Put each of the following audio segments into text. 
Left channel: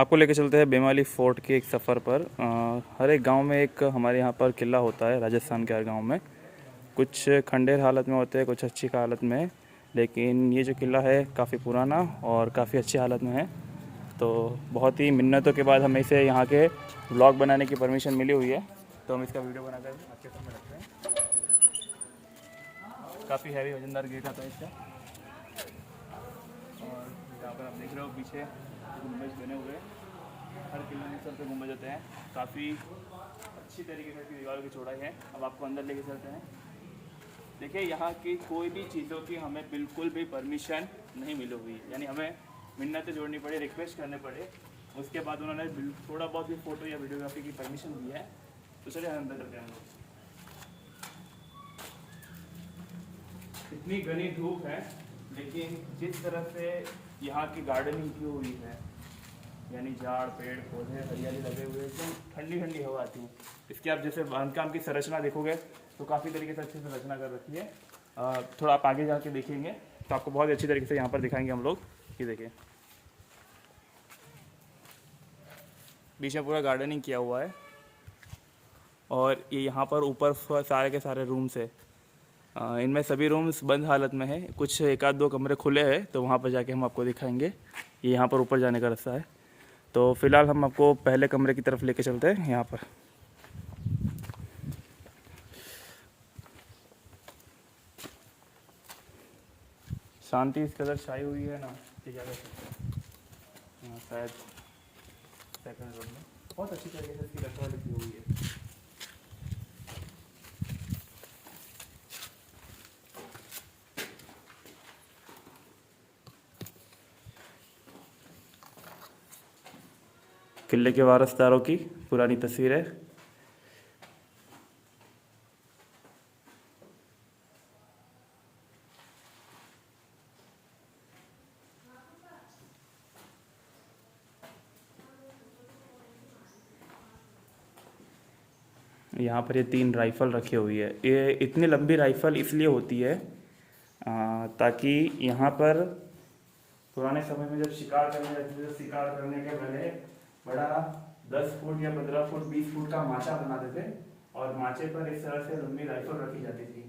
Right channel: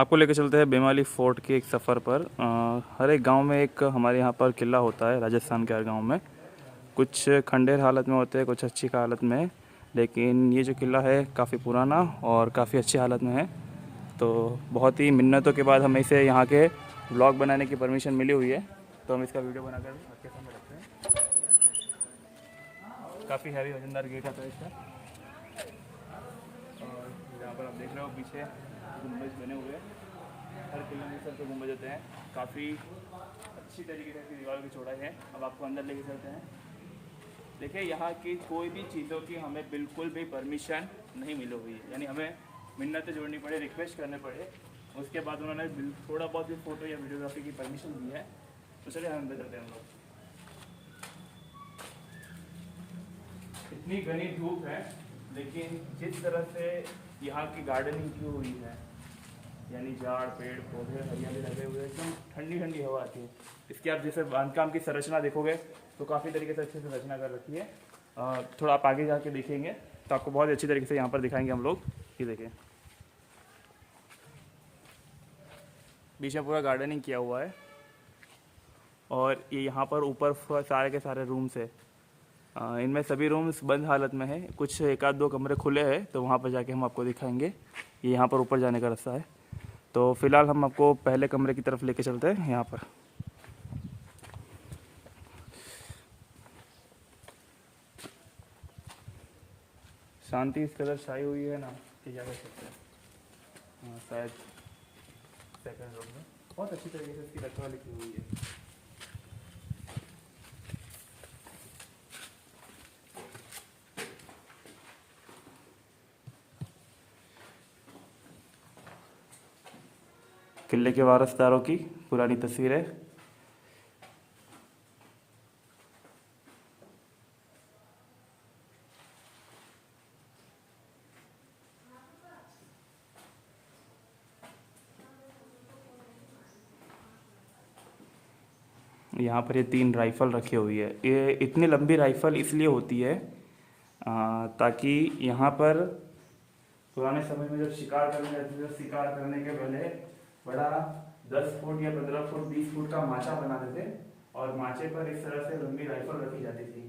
आपको लेकर चलते हैं बेमाली फोर्ट के एक सफ़र पर। हर एक गांव में एक हमारे यहाँ पर किला होता है। राजस्थान के हर गांव में कुछ खंडेर हालत में होते हैं, कुछ अच्छी हालत में, लेकिन ये जो किला है काफ़ी पुराना और काफ़ी अच्छी हालत में है। तो बहुत ही मिन्नतों के बाद हमें इसे यहाँ के व्लॉग बनाने की परमिशन मिली हुई है, तो हम इसका वीडियो बनाकर आपके सामने रखते हैं। काफ़ी हैवी वजनदार गेट होता है इसका, और यहाँ पर आप देख रहे हो पीछे गुंबज बने हुए हैं। हर किले में सबसे गुंबज होते हैं। काफ़ी अच्छी तरीके से दीवारों की चौड़ाई है। अब आपको अंदर लेके चलते हैं। देखिए, यहाँ की कोई भी चीज़ों की हमें बिल्कुल भी परमिशन नहीं मिली हुई है, यानी हमें मिन्नतें जोड़नी पड़े, रिक्वेस्ट करने पड़े, उसके बाद उन्होंने थोड़ा बहुत भी फ़ोटो या वीडियोग्राफी की परमिशन दी है। तो चलिए अंदर करते हैं हम लोग। इतनी घनी धूप है, लेकिन जिस तरह से यहाँ की गार्डनिंग की हुई है, यानी झाड़ पेड़ पौधे हरियाली लगे हुए हैं, तो ठंडी ठंडी हवा आती है। इसकी आप जैसे बांधकाम की संरचना देखोगे तो काफ़ी तरीके से अच्छे से रचना कर रखी है। थोड़ा आप आगे जाके देखेंगे तो आपको बहुत अच्छी तरीके से यहाँ पर दिखाएंगे हम लोग। ये देखिए, बीच में पूरा गार्डनिंग किया हुआ है, और ये यहाँ पर ऊपर सारे के सारे रूम्स है। इनमें सभी रूम्स बंद हालत में है, कुछ एक आध दो कमरे खुले हैं, तो वहाँ पर जाके हम आपको दिखाएंगे। ये यहाँ पर ऊपर जाने का रास्ता है। तो फिलहाल हम आपको पहले कमरे की तरफ लेके चलते हैं। यहाँ पर शांति इस कदर छाई हुई है ना कि ज़्यादा शायद सेकंड रूम में बहुत अच्छी तरीके से इसकी रखवाली की हुई है। किले के वारसदारों की पुरानी तस्वीर है। यहाँ पर ये 3 राइफ़ल रखी हुई है। ये इतनी लंबी राइफ़ल इसलिए होती है ताकि यहाँ पर पुराने समय में जब शिकार करने जाते थे, शिकार करने के पहले बड़ा 10 फुट या 15 फुट 20 फुट का माचा बनाते थे, और माचे पर इस तरह से लंबी राइफल रखी जाती थी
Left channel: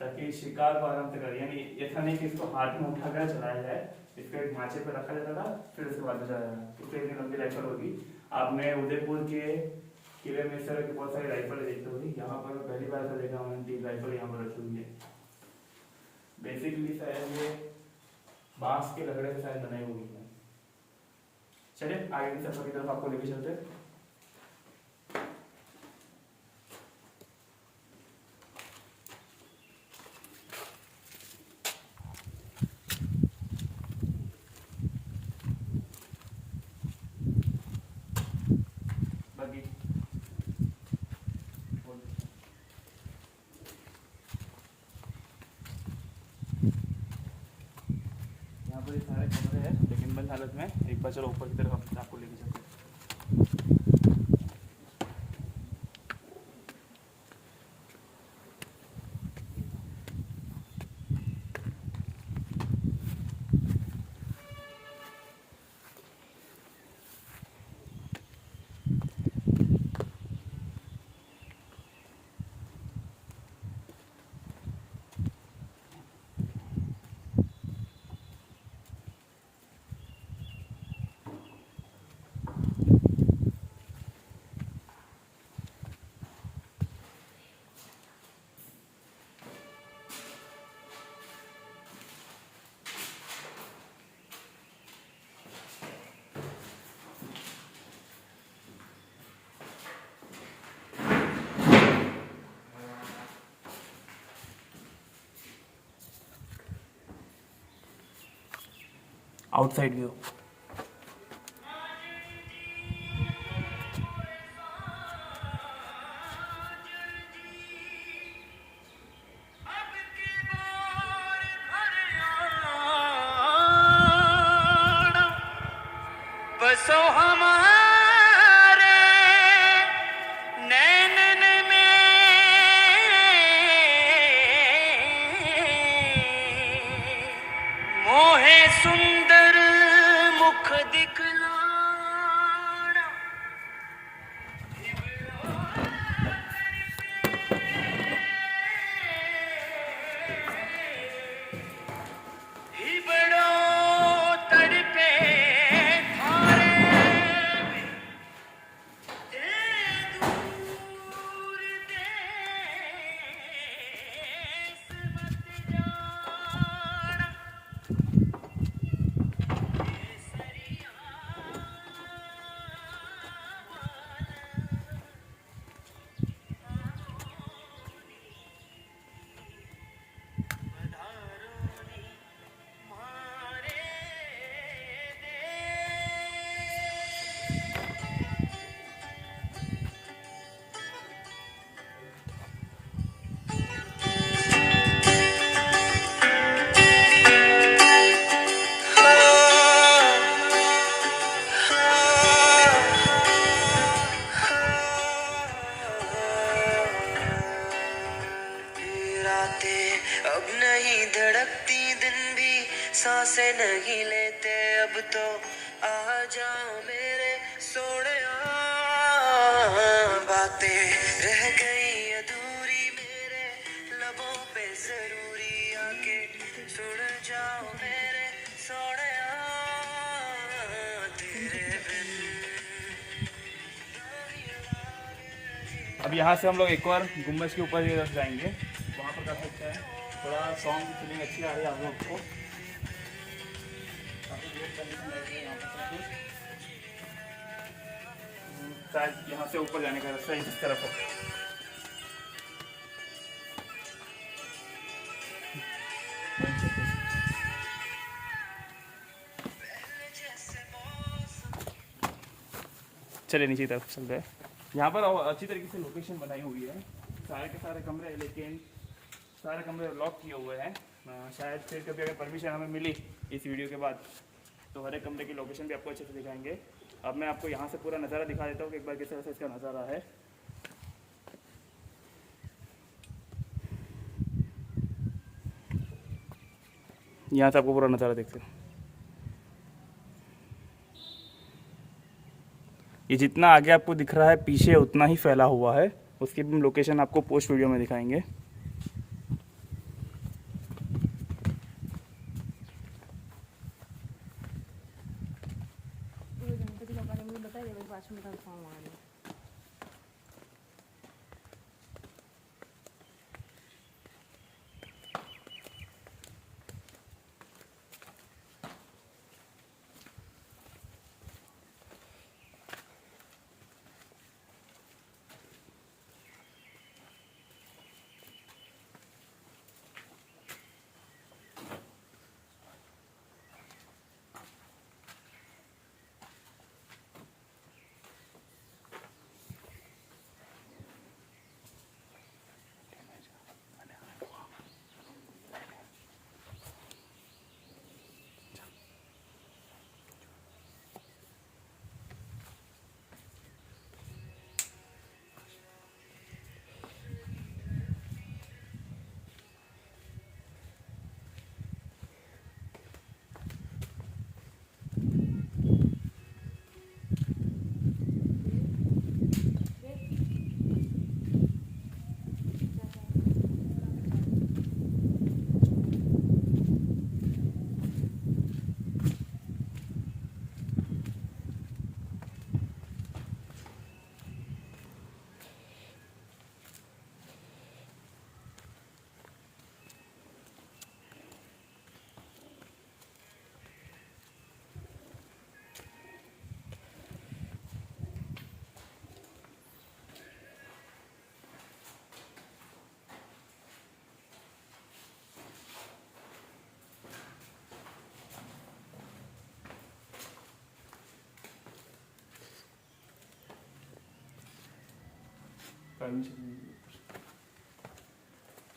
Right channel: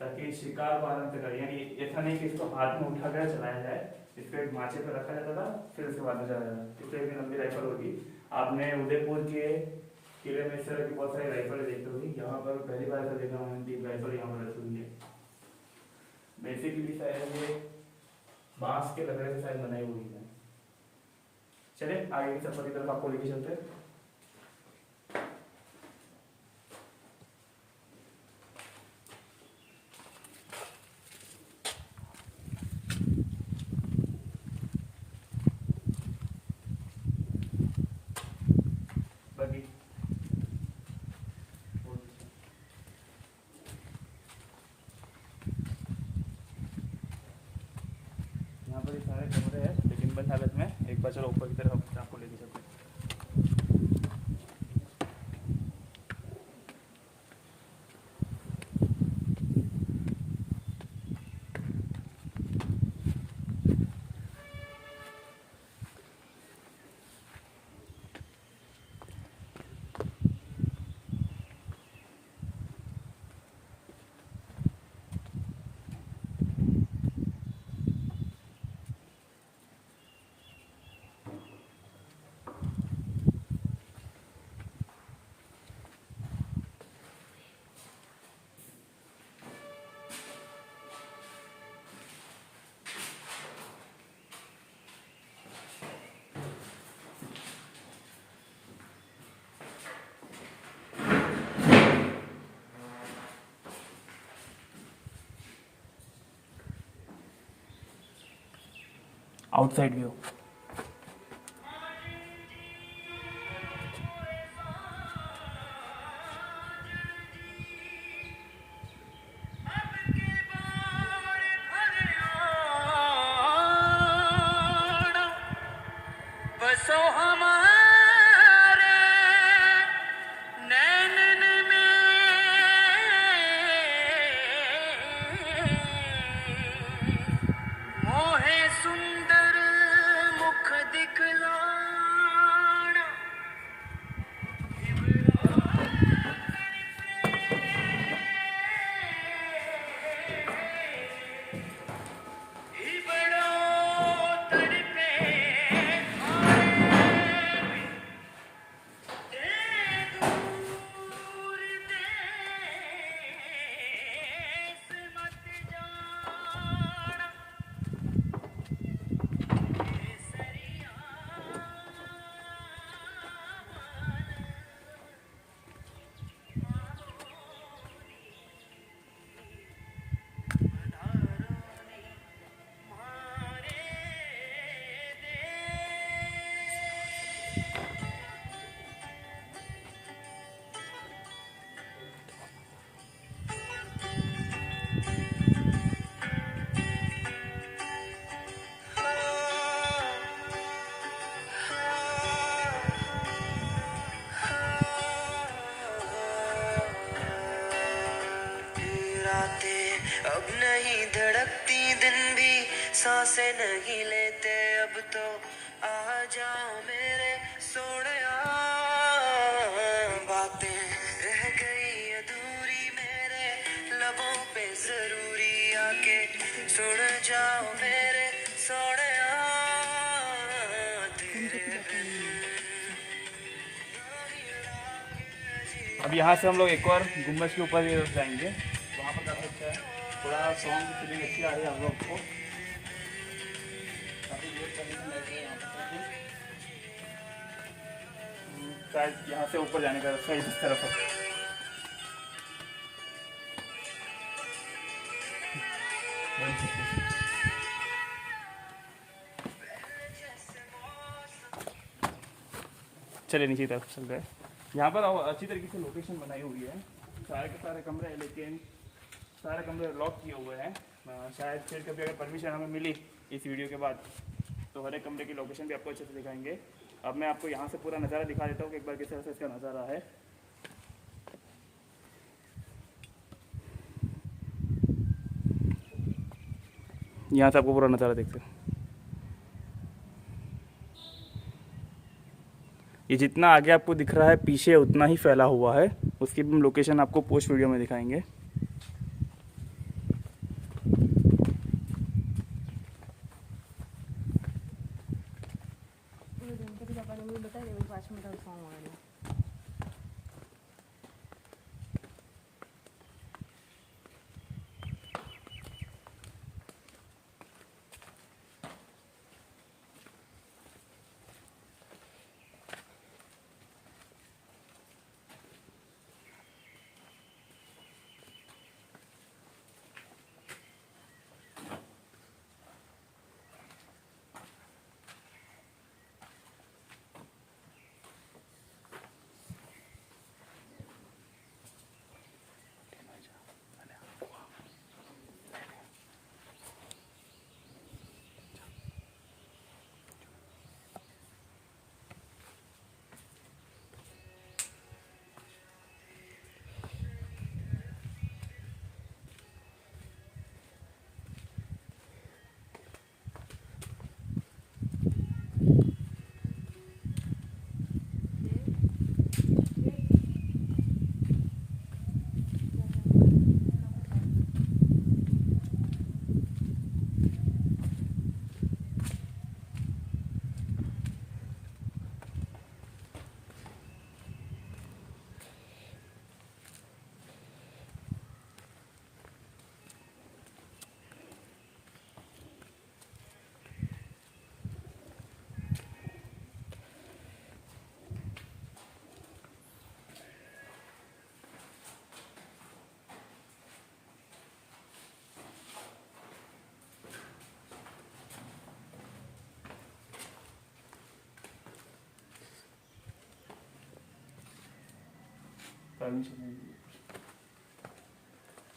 ताकि शिकार को आराम से करे। यानी ऐसा नहीं कि इसको हाथ में उठा कर चलाया जाए, इसको एक माचे पर रखा जाता था, फिर उसके बाद चलाया जाता। इससे इतनी लंबी राइफल होगी। आपने उदयपुर के किले में इस तरह की बहुत सारी राइफलें देखी होगी। यहाँ पर पहली बार से देखा मैंने 3 राइफल यहाँ पर रखी हुई है। बेसिकली शायद ये बांस के लकड़े से शायद बनाई हुई है। चलिए आगे की सफर की तरफ आपको लेके चलते हैं। बाकी यहाँ पर ये सारे कमरे हैं, लेकिन बंद हालत में। एक बार चलो ऊपर की तरफ आपको लेके चलते हैं। Outside view. बसो हमारे नैनन में, मोहे सुंदर मुख दिखला। सांसें नहीं लेते अब तो आ जाओ मेरे सोनिया बातें रह गई अधूरी मेरे लबों पे जरूरी आके सुन जाओ मेरे सोनिया तेरे बिन। अब यहाँ से हम लोग एक और गुम्बज के ऊपर की तरफ जाएंगे, वहाँ पर काफ़ी अच्छा है, थोड़ा सॉन्ग की फीलिंग अच्छी आ रही है हम लोग को, काफ़ी वेट कंडीशन लग रही है यहाँ पर सब कुछ। शायद यहाँ से ऊपर जाने का रास्ता इस तरफ है। चलिए नीचे की तरफ चलते हैं। यहाँ पर अच्छी तरीके से लोकेशन बनाई हुई है, सारे के सारे कमरे हैं, लेकिन सारे कमरे लॉक किए हुए हैं। शायद फिर कभी अगर परमिशन हमें मिली इस वीडियो के बाद तो हर एक कमरे की लोकेशन भी आपको अच्छे से दिखाएंगे। अब मैं आपको यहाँ से पूरा नज़ारा दिखा देता हूँ कि एक बार किस तरह से इसका नज़ारा है। यहाँ से आपको पूरा नज़ारा देखते हो। ये जितना आगे आपको दिख रहा है पीछे उतना ही फैला हुआ है, उसकी भी लोकेशन आपको पोस्ट वीडियो में दिखाएंगे।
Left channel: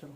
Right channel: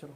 चलो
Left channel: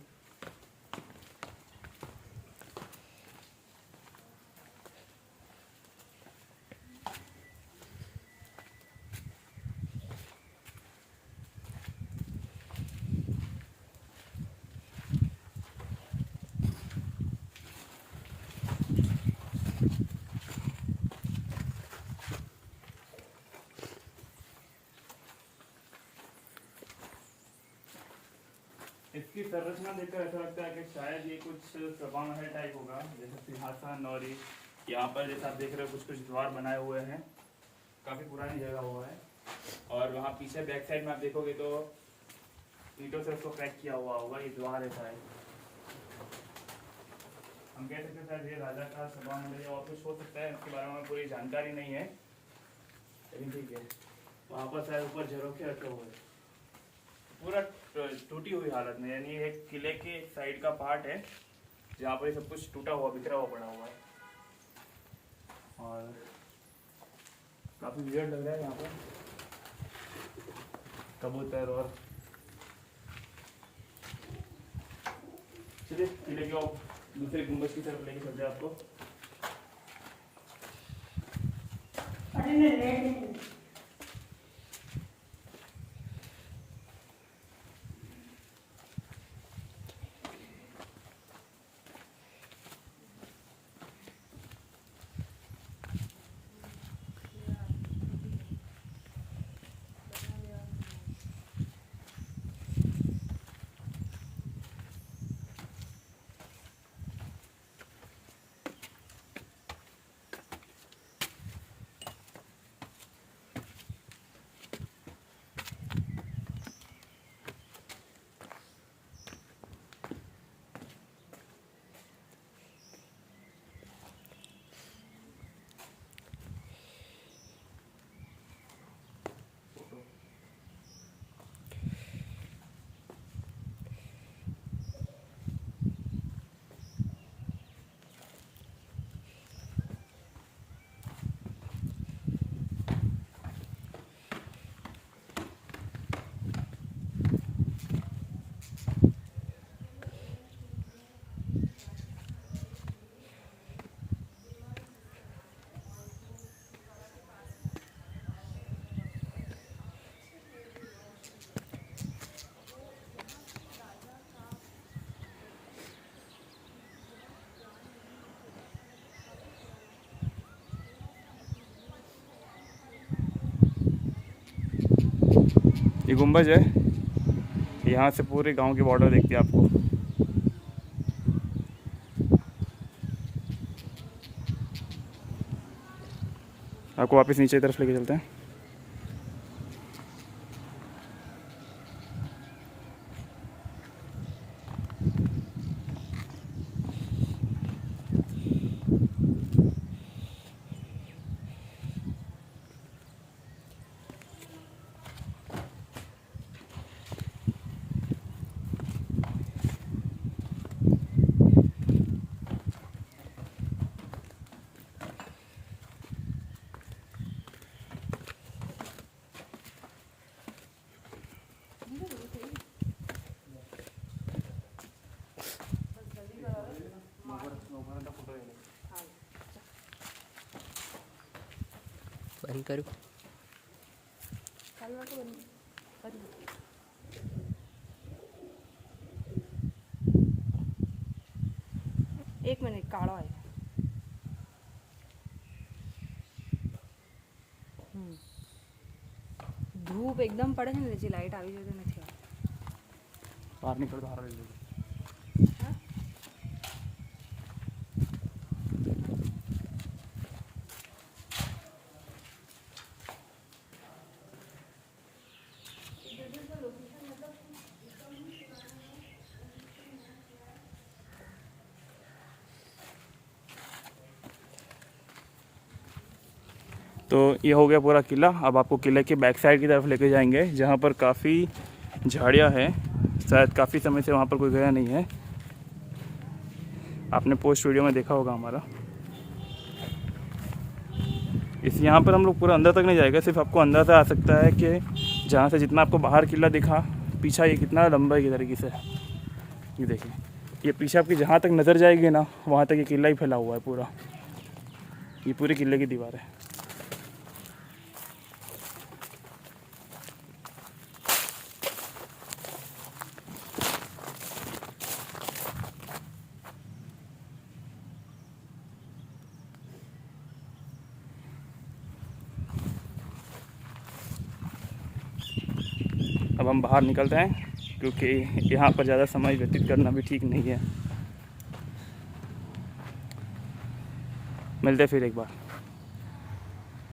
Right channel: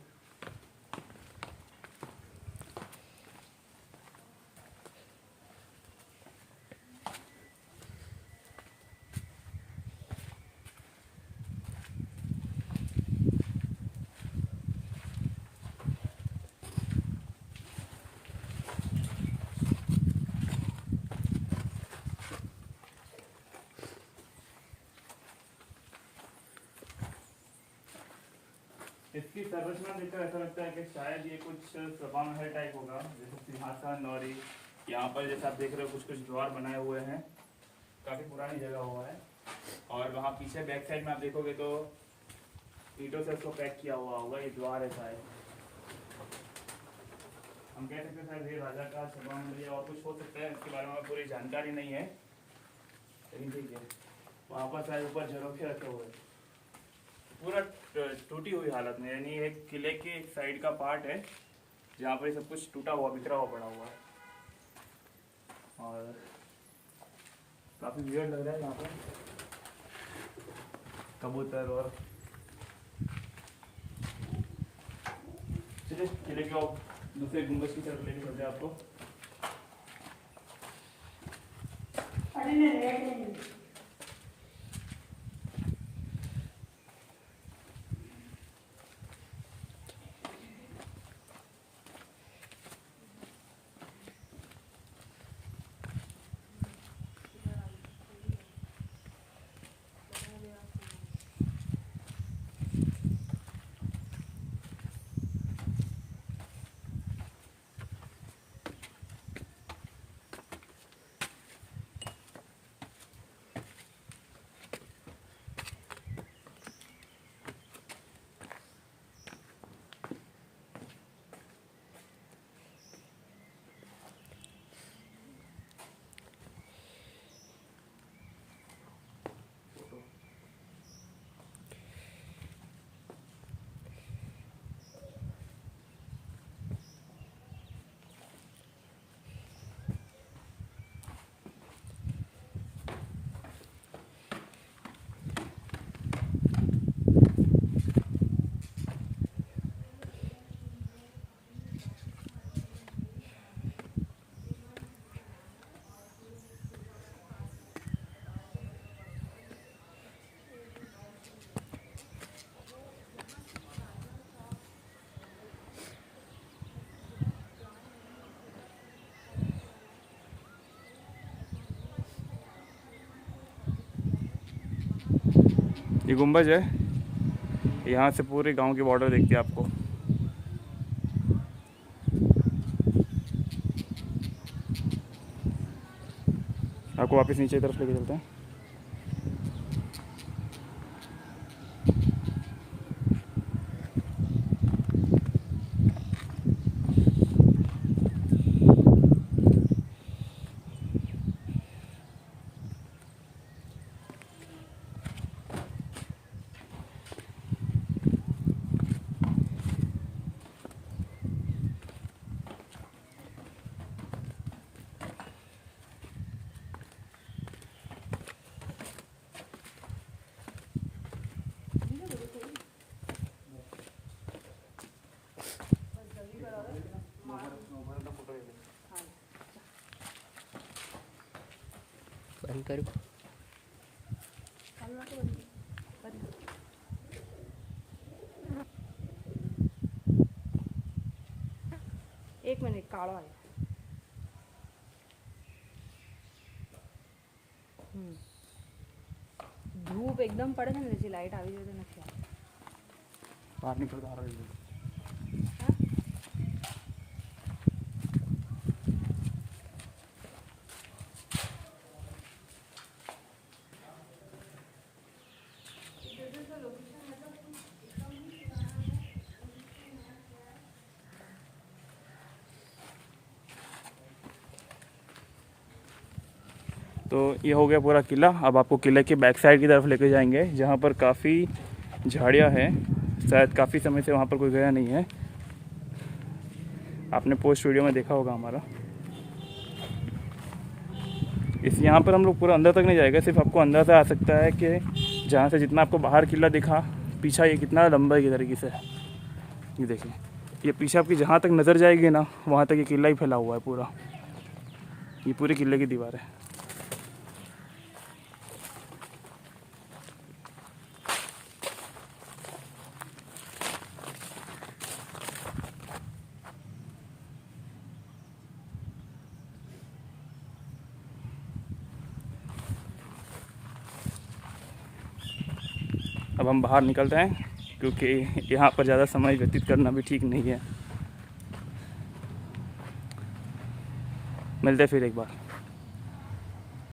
इसकी संरचना देखकर ऐसा लगता है कि शायद ये कुछ सभा महल टाइप होगा, जैसे सिंहासन, और यहाँ पर जैसे आप देख रहे हो कुछ कुछ द्वार बनाए हुए हैं, काफ़ी पुरानी जगह हुआ है। और वहाँ पीछे बैक साइड में आप देखोगे तो ईंटों से उसको पैक किया हुआ होगा, ये द्वार है शायद। हम कह सकते हैं शायद ये राजा का सभा महल या और कुछ हो सकता है, इसके बारे में पूरी जानकारी नहीं है, लेकिन ठीक है। वहाँ पर शायद ऊपर झरोखे रखे हुए, पूरा टूटी हुई हालत में, यानी एक किले के एक साइड का पार्ट है जहाँ पर ये सब कुछ टूटा हुआ बिखरा हुआ पड़ा हुआ है, और काफ़ी वियर्ड लग रहा है यहाँ पर कबूतर। और चलिए किले के दूसरे गुंबज की तरफ लेके चलते हैं आपको। ये गुंबज है, यहाँ से पूरे गांव की बॉर्डर देखती है आपको। आपको वापस नीचे की तरफ लेके चलते हैं। बंद करो। एक मिनिट काढो आहे धूप एकदम પડે છે ને જે લાઈટ આવી જતી નથી बाहर निकल बाहर तो ये हो गया पूरा किला। अब आपको किले के बैक साइड की तरफ लेके जाएंगे जहाँ पर काफ़ी झाड़ियाँ हैं। शायद काफ़ी समय से वहाँ पर कोई गया नहीं है, आपने पोस्ट वीडियो में देखा होगा हमारा। इस यहाँ पर हम लोग पूरा अंदर तक नहीं जाएगा, सिर्फ आपको अंदर से आ सकता है कि जहाँ से जितना आपको बाहर किला दिखा, पीछा ये कितना लंबा है की तरीके से। ये देखिए, ये पीछे आपकी जहाँ तक नज़र जाएगी ना, वहाँ तक ये किला ही फैला हुआ है पूरा। ये पूरे किले की दीवार है। अब हम बाहर निकलते हैं क्योंकि यहाँ पर ज़्यादा समय व्यतीत करना भी ठीक नहीं है। मिलते हैं फिर एक बार।